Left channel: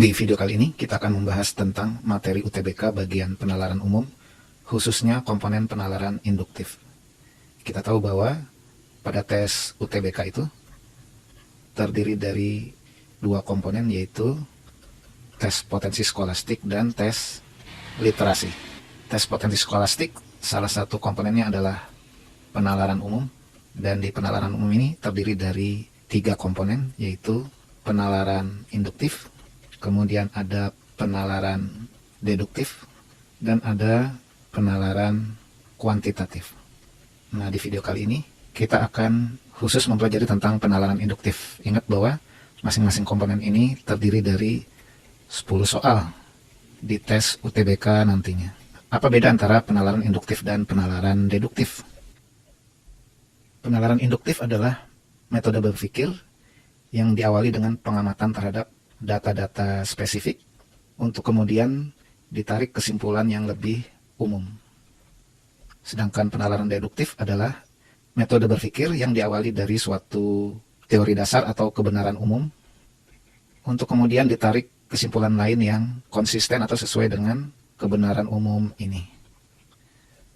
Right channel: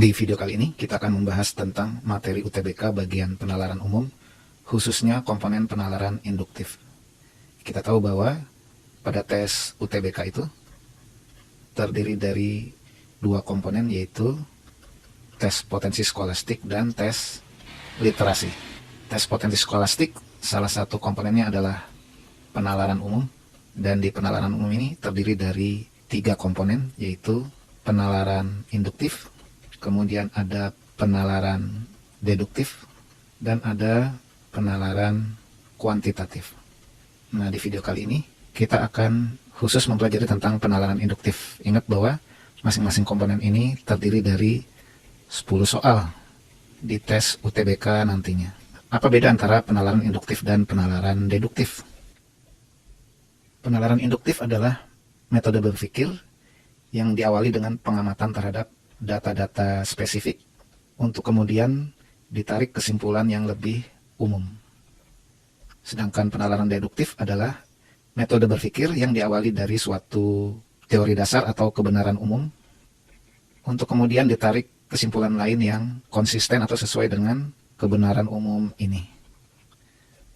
Di video kali ini kita akan membahas tentang materi UTBK bagian penalaran umum, khususnya komponen penalaran induktif. Kita tahu bahwa pada tes UTBK itu terdiri dari dua komponen, yaitu tes potensi skolastik dan tes literasi. Tes potensi skolastik, salah satu komponennya adalah penalaran umum, dan di penalaran umum ini terdiri dari 3 komponen, yaitu penalaran induktif, kemudian ada penalaran deduktif, dan ada penalaran kuantitatif. Nah, di video kali ini kita akan khusus mempelajari tentang penalaran induktif. Ingat bahwa masing-masing komponen ini terdiri dari 10 soal di tes UTBK nantinya. Apa beda antara penalaran induktif dan penalaran deduktif? Penalaran induktif adalah metode berpikir yang diawali dengan pengamatan terhadap data-data spesifik untuk kemudian ditarik kesimpulan yang lebih umum. Sedangkan penalaran deduktif adalah metode berpikir yang diawali dari suatu teori dasar atau kebenaran umum untuk kemudian ditarik kesimpulan lain yang konsisten atau sesuai dengan kebenaran umum ini.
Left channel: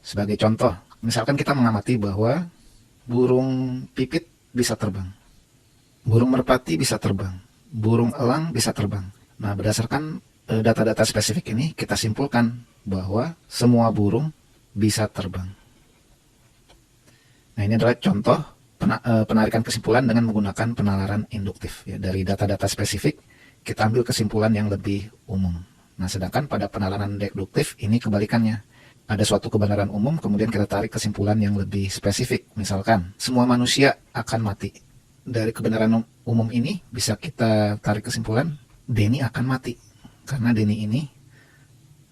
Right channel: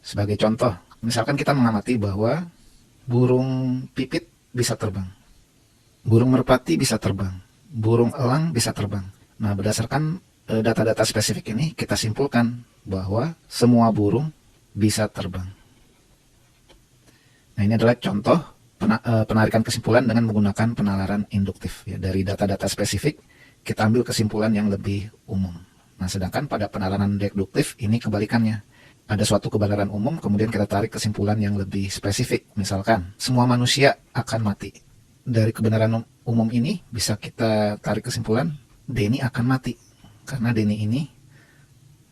Sebagai contoh, misalkan kita mengamati bahwa burung pipit bisa terbang, burung merpati bisa terbang, burung elang bisa terbang. Nah, berdasarkan data-data spesifik ini, kita simpulkan bahwa semua burung bisa terbang. Nah, ini adalah contoh penarikan kesimpulan dengan menggunakan penalaran induktif. Ya, dari data-data spesifik, kita ambil kesimpulan yang lebih umum. Nah, sedangkan pada penalaran deduktif ini kebalikannya. Ada suatu kebenaran umum, kemudian kita tarik kesimpulan yang lebih spesifik. Misalkan, semua manusia akan mati. Dari kebenaran umum ini bisa kita tarik kesimpulan, Denny akan mati. Karena Denny ini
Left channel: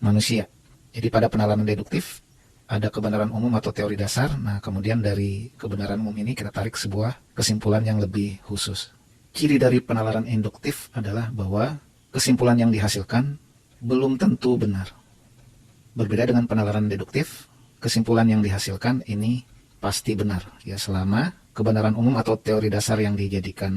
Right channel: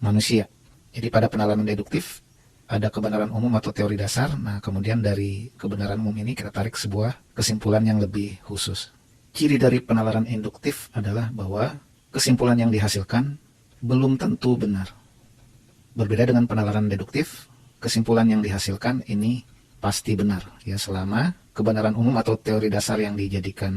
manusia. Jadi pada penalaran deduktif, ada kebenaran umum atau teori dasar. Nah, kemudian dari kebenaran umum ini kita tarik sebuah kesimpulan yang lebih khusus. Ciri dari penalaran induktif adalah bahwa kesimpulan yang dihasilkan belum tentu benar. Berbeda dengan penalaran deduktif, kesimpulan yang dihasilkan ini pasti benar, ya, selama kebenaran umum atau teori dasar yang dijadikan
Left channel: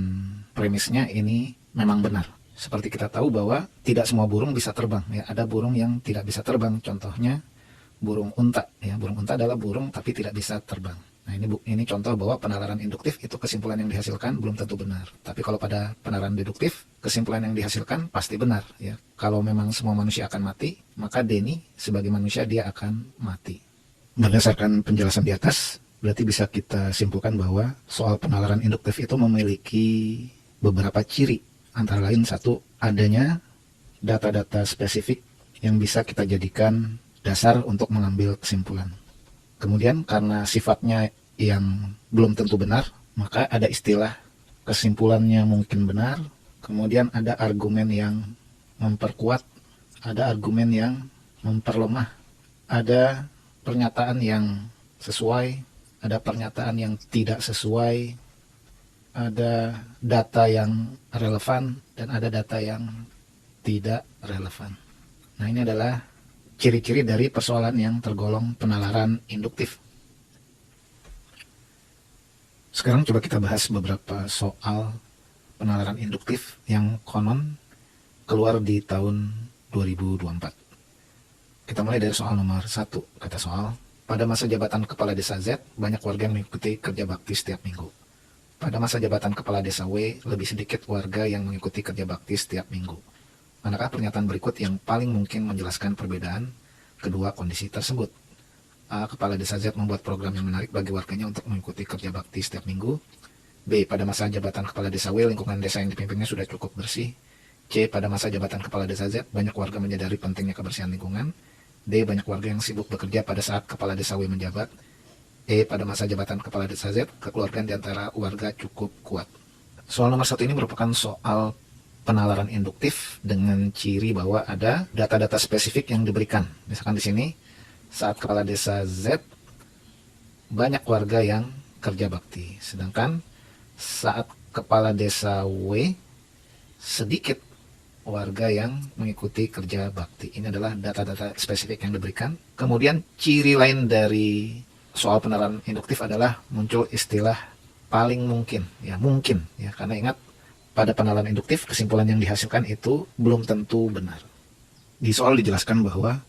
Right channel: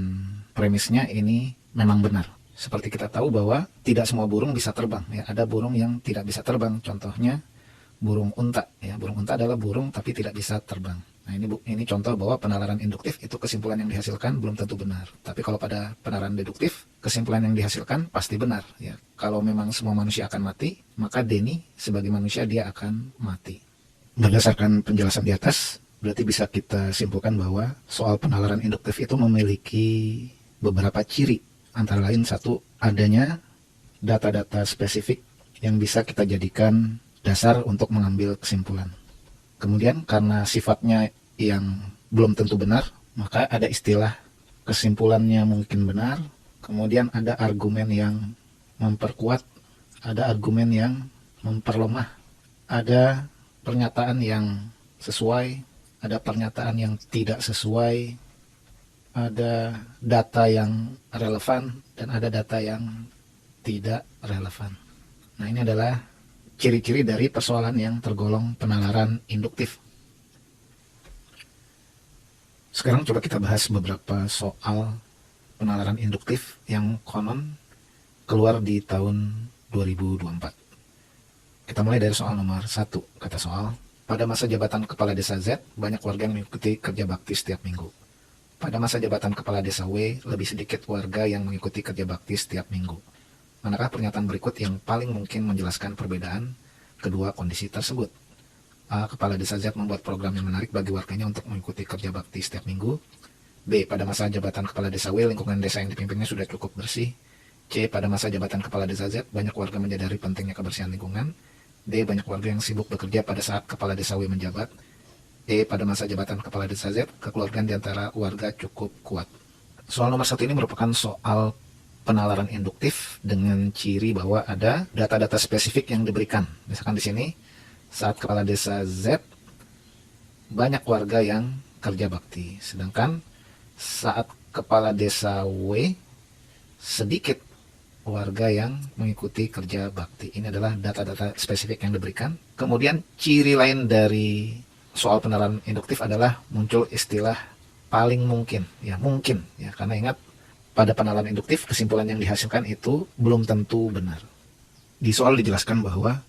premisnya ini memang benar. Seperti kita tahu bahwa tidak semua burung bisa terbang, ya, ada burung yang tidak bisa terbang. Contohnya burung unta, ya, burung unta adalah burung tapi tidak bisa terbang. Nah, ini contoh bahwa penalaran induktif itu kesimpulan yang dihasilkan belum tentu benar. Tapi kalau pada penalaran deduktif, kesimpulan yang dihasilkan pasti benar, ya. Kalau memang semua manusia akan mati, maka Denny sebagai manusia dia akan mati. Berdasarkan penjelasan di atas, berarti bisa kita simpulkan bahwa soal penalaran induktif itu memiliki beberapa ciri. Antara lain, satu, adanya data-data spesifik yang bisa kita jadikan dasar untuk mengambil kesimpulan. Kemudian karena sifatnya yang belum tentu benar, maka ada istilah kesimpulannya mungkin benar, kemudian ada argumen yang memperkuat, ada argumen yang memperlemah, ada pernyataan yang sesuai, ada pernyataan yang tidak sesuai, ada data yang relevan, dan ada data yang tidak relevan. Nah, ini adalah ciri-ciri dari persoalan yang tergolong penalaran induktif. Sekarang coba kita bahas beberapa soal penalaran induktif yang konon keluar di tahun 2024. Kita mulai dari soal nomor 1. Kata soal, pada masa jabatan kepala desa Z, banyak warga yang mengikuti kerja bakti setiap minggu. Pada masa jabatan kepala desa W, lebih sedikit warga yang mengikuti kerja bakti setiap minggu. Manakah pernyataan berikut yang paling mungkin menjelaskan perbedaan kedua kondisi tersebut? A. Kepala desa Z membuat program yang menarik bagi warganya untuk mengikuti kerja bakti setiap minggu. B. Pada masa jabatan kepala desa W, lingkungan desa yang dipimpinnya sudah cukup bersih. C. Pada masa jabatan kepala desa Z, banyak warga menyadari pentingnya kebersihan lingkungan. D. Banyak warga yang sibuk bekerja pada saat kepala desa W menjabat. E. Pada masa jabatan kepala desa Z, kekeluargaan di antara warga cukup kuat. Soal nomor 1 ini merupakan soal penalaran induktif dengan ciri bahwa ada data-data spesifik yang diberikan. Misalkan di sini, saat kepala desa Z, banyak warga yang kerja bakti. Sedangkan saat kepala desa W, sedikit warga yang mengikuti kerja bakti. Ini adalah data-data spesifik yang diberikan. Kemudian ciri lain dari soal penalaran induktif adalah muncul istilah paling mungkin. Ya, mungkin. Ya, karena ingat, pada penalaran induktif, kesimpulan yang dihasilkan itu belum tentu benar. Di soal dijelaskan bahwa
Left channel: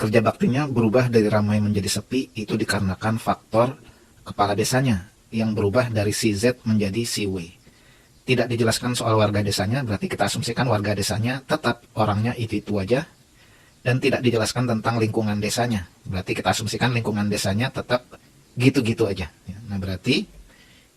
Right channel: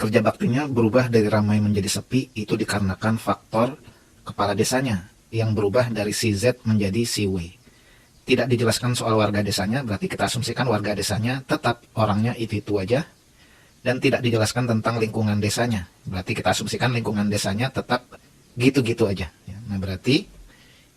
kerja baktinya berubah dari ramai menjadi sepi itu dikarenakan faktor kepala desanya yang berubah dari si Z menjadi si W. Tidak dijelaskan soal warga desanya, berarti kita asumsikan warga desanya tetap orangnya itu aja. Dan tidak dijelaskan tentang lingkungan desanya, berarti kita asumsikan lingkungan desanya tetap gitu-gitu aja. Nah, berarti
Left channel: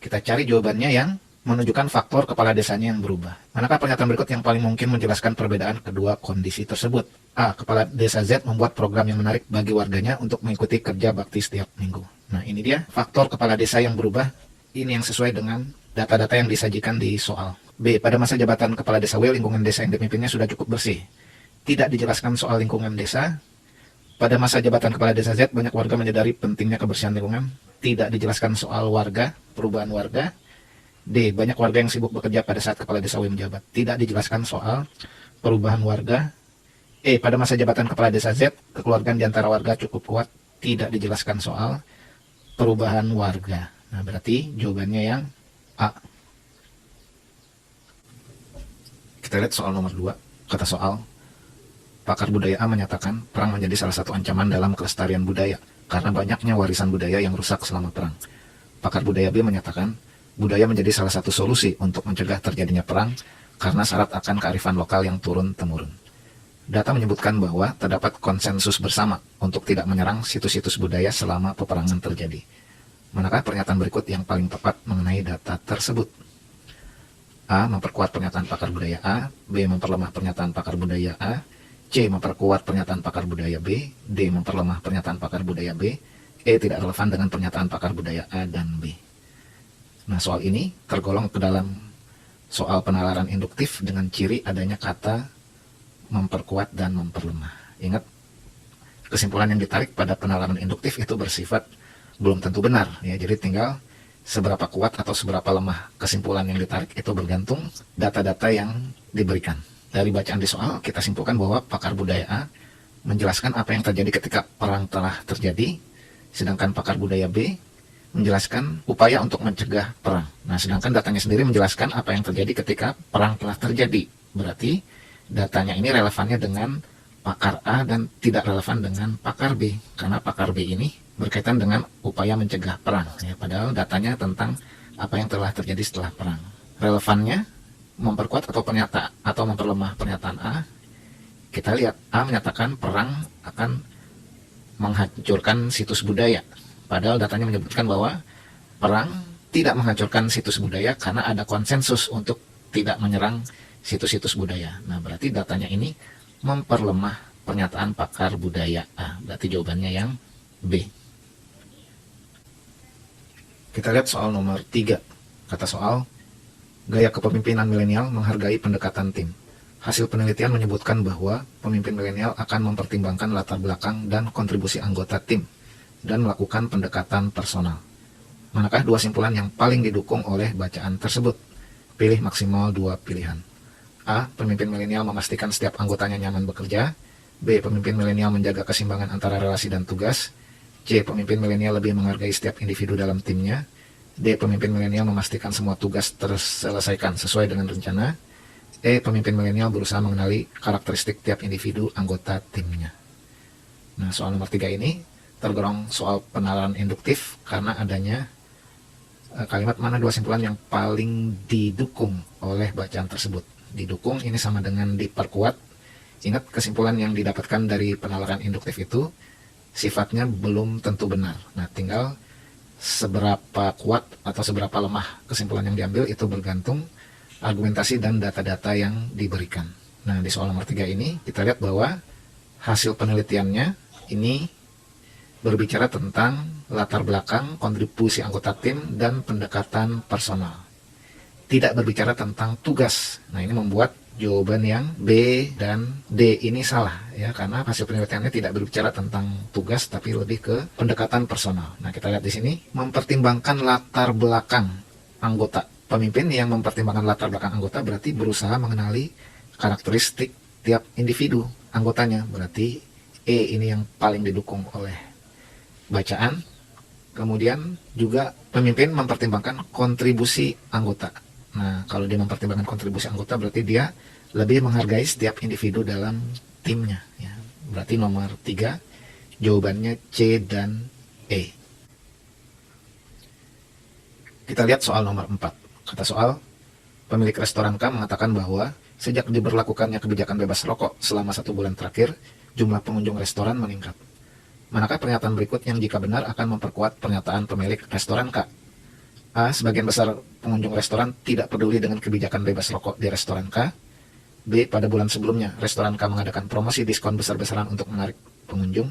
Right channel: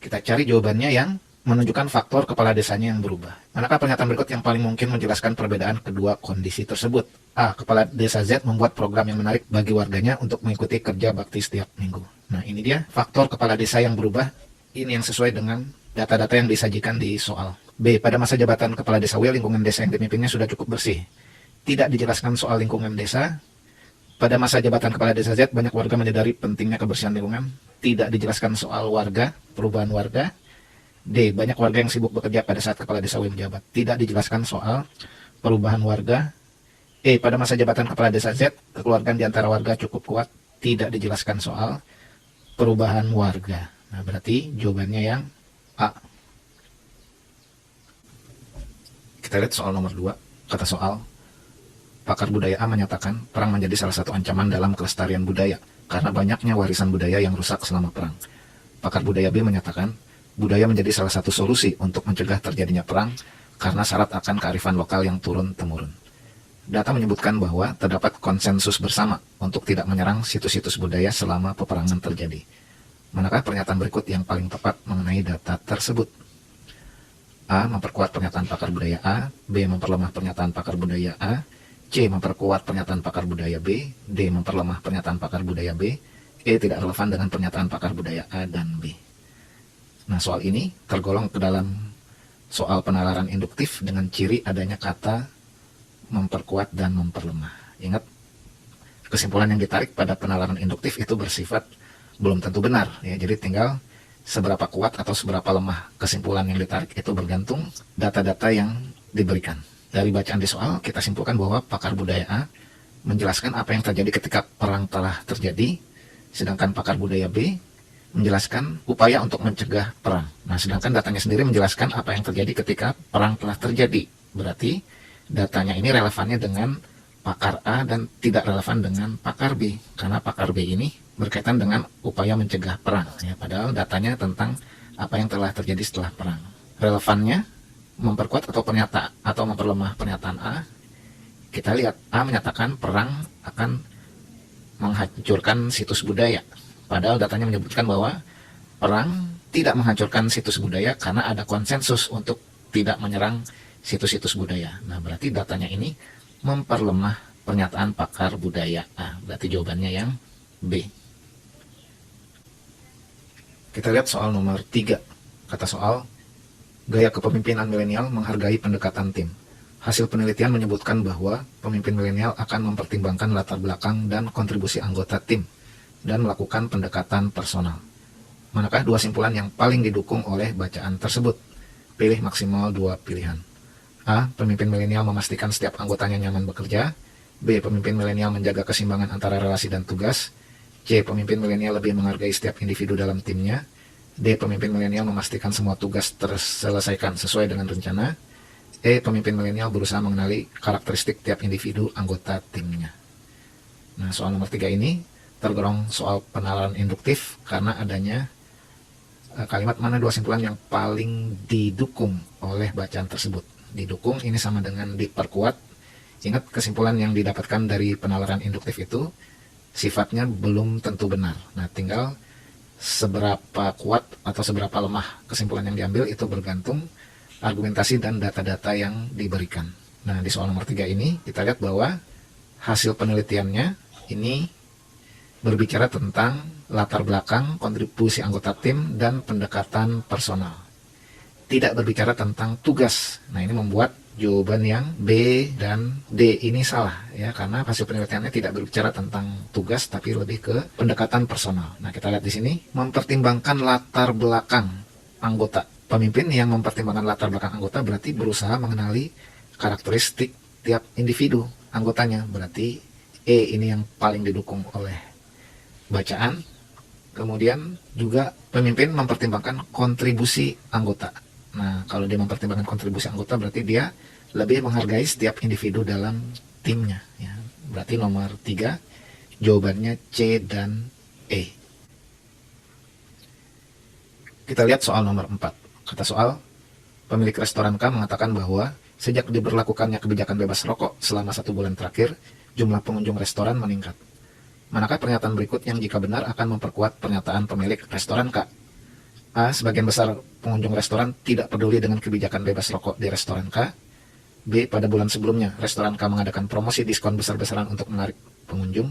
kita cari jawabannya yang menunjukkan faktor kepala desanya yang berubah. Manakah pernyataan berikut yang paling mungkin menjelaskan perbedaan kedua kondisi tersebut? A. Kepala desa Z membuat program yang menarik bagi warganya untuk mengikuti kerja bakti setiap minggu. Nah, ini dia faktor kepala desa yang berubah. Ini yang sesuai dengan data-data yang disajikan di soal. B. Pada masa jabatan kepala desa W, lingkungan desa yang dipimpinnya sudah cukup bersih. Tidak dijelaskan soal lingkungan desa. Pada masa jabatan kepala desa Z, banyak warga menyadari pentingnya kebersihan lingkungan. Tidak dijelaskan soal warga, perubahan warga. D. Banyak warga yang sibuk bekerja pada saat kepala desa W menjabat. Tidak dijelaskan soal perubahan warga. E. Pada masa jabatan kepala desa Z, kekeluargaan di antara warga cukup kuat. Tidak dijelaskan soal perubahan warga. Nah, berarti jawabannya yang A. Kita lihat soal nomor 2. Kata soal, pakar budaya A menyatakan perang menjadi salah satu ancaman dalam kelestarian budaya karena banyaknya warisan budaya yang rusak selama perang. Pakar budaya B menyatakan budaya menjadi salah satu solusi untuk mencegah terjadinya perang karena syarat akan kearifan lokal yang turun-temurun. Data menyebutkan bahwa terdapat konsensus bersama untuk tidak menyerang situs-situs budaya selama peperangan terjadi. Manakah pernyataan berikut yang paling tepat mengenai data tersebut? A. Memperkuat pernyataan pakar budaya A. B. Memperlemah pernyataan pakar budaya A. C. Memperkuat pernyataan pakar budaya B. D. Memperlemah pernyataan pakar budaya B. E. Tidak relevan dengan pernyataan pakar budaya A dan B. Nah, soal ini tergolong ke dalam soal penalaran induktif dengan ciri adanya kata memperkuat dan memperlemah. Ingat, kesimpulan yang ditarik pada penalaran induktif itu bersifat belum tentu benar. Ya, jadi tinggal seberapa kuat atau seberapa lemah kesimpulan yang ditarik itu bergantung data-data yang diberikan. Dari bacaan di soal, kita simpulkan bahwa pakar budaya A menjelaskan apa yang terjadi ketika perang telah terjadi, sedangkan pakar budaya B menjelaskan upaya untuk mencegah perang. Nah, sedangkan datanya sendiri menjelaskan apa yang terjadi ketika perang telah terjadi. Berarti datanya ini relevannya dengan pakar A dan tidak relevan dengan pakar B, karena pakar B ini berkaitan dengan upaya mencegah perang. Ya, padahal datanya tentang apa yang telah terjadi setelah perang. Relevannya memperkuat atau memperlemah pernyataan A. Kita lihat A menyatakan perang akan menghancurkan situs budaya, padahal datanya menyebutkan bahwa perang tidak menghancurkan situs budaya karena ada konsensus untuk tidak menyerang situs-situs budaya. Nah, berarti datanya ini memperlemah pernyataan pakar budaya A. Berarti jawabannya yang B. Kita lihat soal nomor 3. Kata soal, gaya kepemimpinan milenial menghargai pendekatan tim. Hasil penelitian menyebutkan bahwa pemimpin milenial akan mempertimbangkan latar belakang dan kontribusi anggota tim dan melakukan pendekatan personal. Manakah dua simpulan yang paling didukung oleh bacaan tersebut? Pilih maksimal 2 pilihan. A. Pemimpin milenial memastikan setiap anggotanya nyaman bekerja. B. Pemimpin milenial menjaga keseimbangan antara relasi dan tugas. C. Pemimpin milenial lebih menghargai setiap individu dalam timnya. D. Pemimpin milenial memastikan semua tugas terselesaikan sesuai dengan rencana. E. Pemimpin milenial berusaha mengenali karakteristik tiap individu anggota timnya. Nah, soal nomor 3 ini tergolong soal penalaran induktif karena adanya kalimat mana dua simpulan yang paling didukung oleh bacaan tersebut. Didukung ini sama dengan diperkuat. Ingat, kesimpulan yang didapatkan dari penalaran induktif itu sifatnya belum tentu benar. Nah, tinggal seberapa kuat atau seberapa lemah kesimpulan yang diambil itu bergantung argumentasi dan data-data yang diberikan. Nah, di soal nomor 3 ini kita lihat bahwa hasil penelitiannya ini berbicara tentang latar belakang, kontribusi anggota tim, dan pendekatan personal. Tidak berbicara tentang tugas. Nah, ini membuat jawaban yang B dan D ini salah, ya, karena hasil penelitiannya tidak berbicara tentang tugas tapi lebih ke pendekatan personal. Nah, kita lihat di sini mempertimbangkan latar belakang anggota. Pemimpin yang mempertimbangkan latar belakang anggota berarti berusaha mengenali karakteristik tiap individu anggotanya. Berarti E ini yang paling didukung oleh bacaan. Kemudian juga pemimpin mempertimbangkan kontribusi anggota. Nah, kalau dia mempertimbangkan kontribusi anggota berarti dia lebih menghargai setiap individu dalam timnya ya. Berarti nomor 3 jawabannya C dan E. Kita lihat soal nomor 4. Kata soal, pemilik restoran K mengatakan bahwa sejak diberlakukannya kebijakan bebas rokok selama 1 bulan terakhir, jumlah pengunjung restoran meningkat. Manakah pernyataan berikut yang jika benar akan memperkuat pernyataan pemilik restoran K? A. Sebagian besar pengunjung restoran tidak peduli dengan kebijakan bebas rokok di restoran K. B. Pada bulan sebelumnya, restoran K mengadakan promosi diskon besar-besaran untuk menarik pengunjung.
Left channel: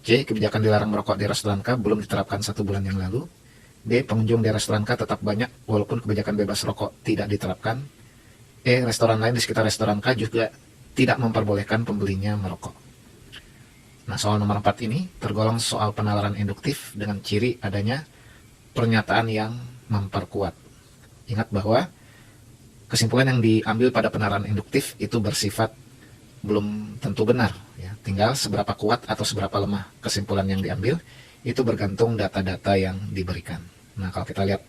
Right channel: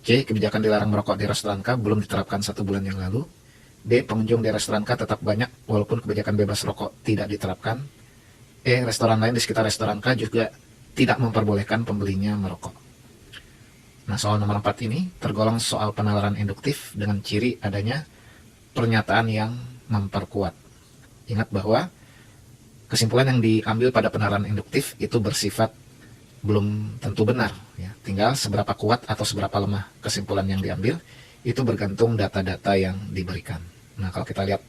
C. Kebijakan dilarang merokok di restoran K belum diterapkan 1 bulan yang lalu. D. Pengunjung di restoran K tetap banyak walaupun kebijakan bebas rokok tidak diterapkan. E. Restoran lain di sekitar restoran K juga tidak memperbolehkan pembelinya merokok. Nah, soal nomor 4 ini tergolong soal penalaran induktif dengan ciri adanya pernyataan yang memperkuat. Ingat bahwa kesimpulan yang diambil pada penalaran induktif itu bersifat belum tentu benar ya. Tinggal seberapa kuat atau seberapa lemah kesimpulan yang diambil itu bergantung data-data yang diberikan. Nah, kalau kita lihat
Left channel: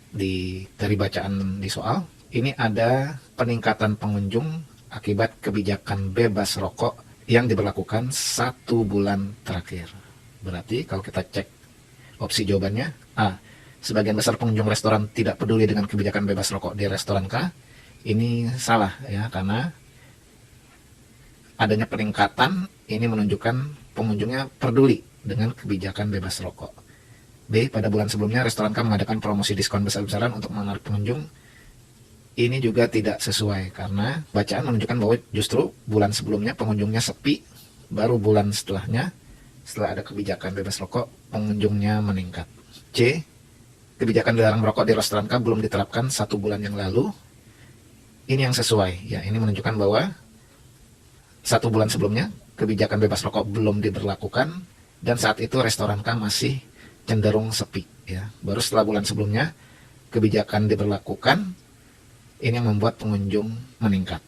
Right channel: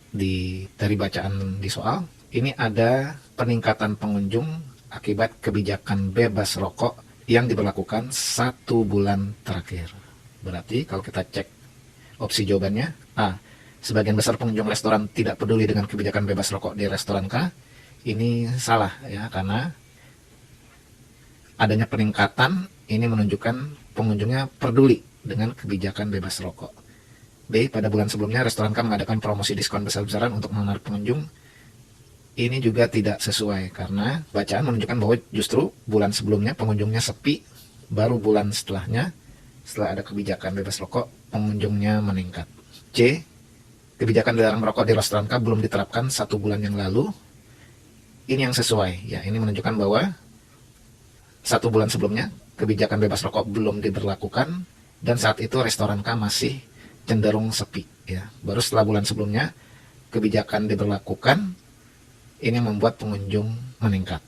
dari bacaan di soal, ini ada peningkatan pengunjung akibat kebijakan bebas rokok yang diberlakukan 1 bulan terakhir. Berarti kalau kita cek opsi jawabannya, A. Sebagian besar pengunjung restoran tidak peduli dengan kebijakan bebas rokok di restoran K. Ini salah ya, karena adanya peningkatan ini menunjukkan pengunjungnya peduli dengan kebijakan bebas rokok. B. Pada bulan sebelumnya restoran K mengadakan promosi diskon besar-besaran untuk menarik pengunjung. Ini juga tidak sesuai karena bacaan menunjukkan bahwa justru bulan sebelumnya pengunjungnya sepi, baru bulan setelahnya setelah ada kebijakan bebas rokok pengunjungnya meningkat. C. Kebijakan dilarang merokok di restoran K belum diterapkan 1 bulan yang lalu. Ini yang sesuai ya, ini menunjukkan bahwa 1 bulan sebelumnya kebijakan bebas rokok belum diberlakukan dan saat itu restoran K masih cenderung sepi ya. Baru setelah bulan sebelumnya kebijakan diberlakukan, ini yang membuat pengunjung meningkat.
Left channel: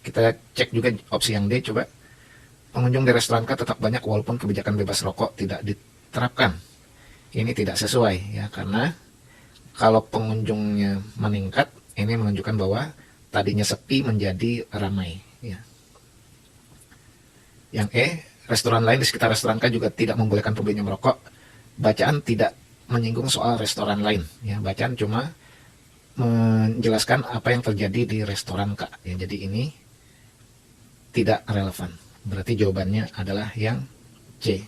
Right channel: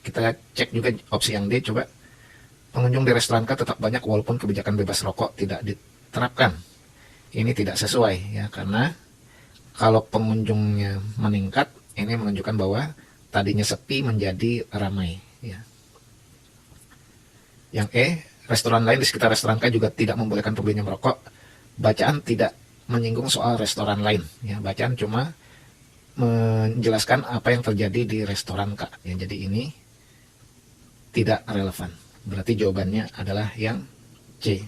Kita cek juga opsi yang D, coba. Pengunjung di restoran K tetap banyak walaupun kebijakan bebas rokok tidak diterapkan. Ini tidak sesuai ya, karena kalau pengunjungnya meningkat, ini menunjukkan bahwa tadinya sepi menjadi ramai ya. Yang E, restoran lain di sekitar restoran K juga tidak membolehkan pembelinya merokok. Bacaan tidak menyinggung soal restoran lain ya, bacaan cuma menjelaskan apa yang terjadi di restoran K ya. Jadi ini tidak relevan. Berarti jawabannya adalah yang C.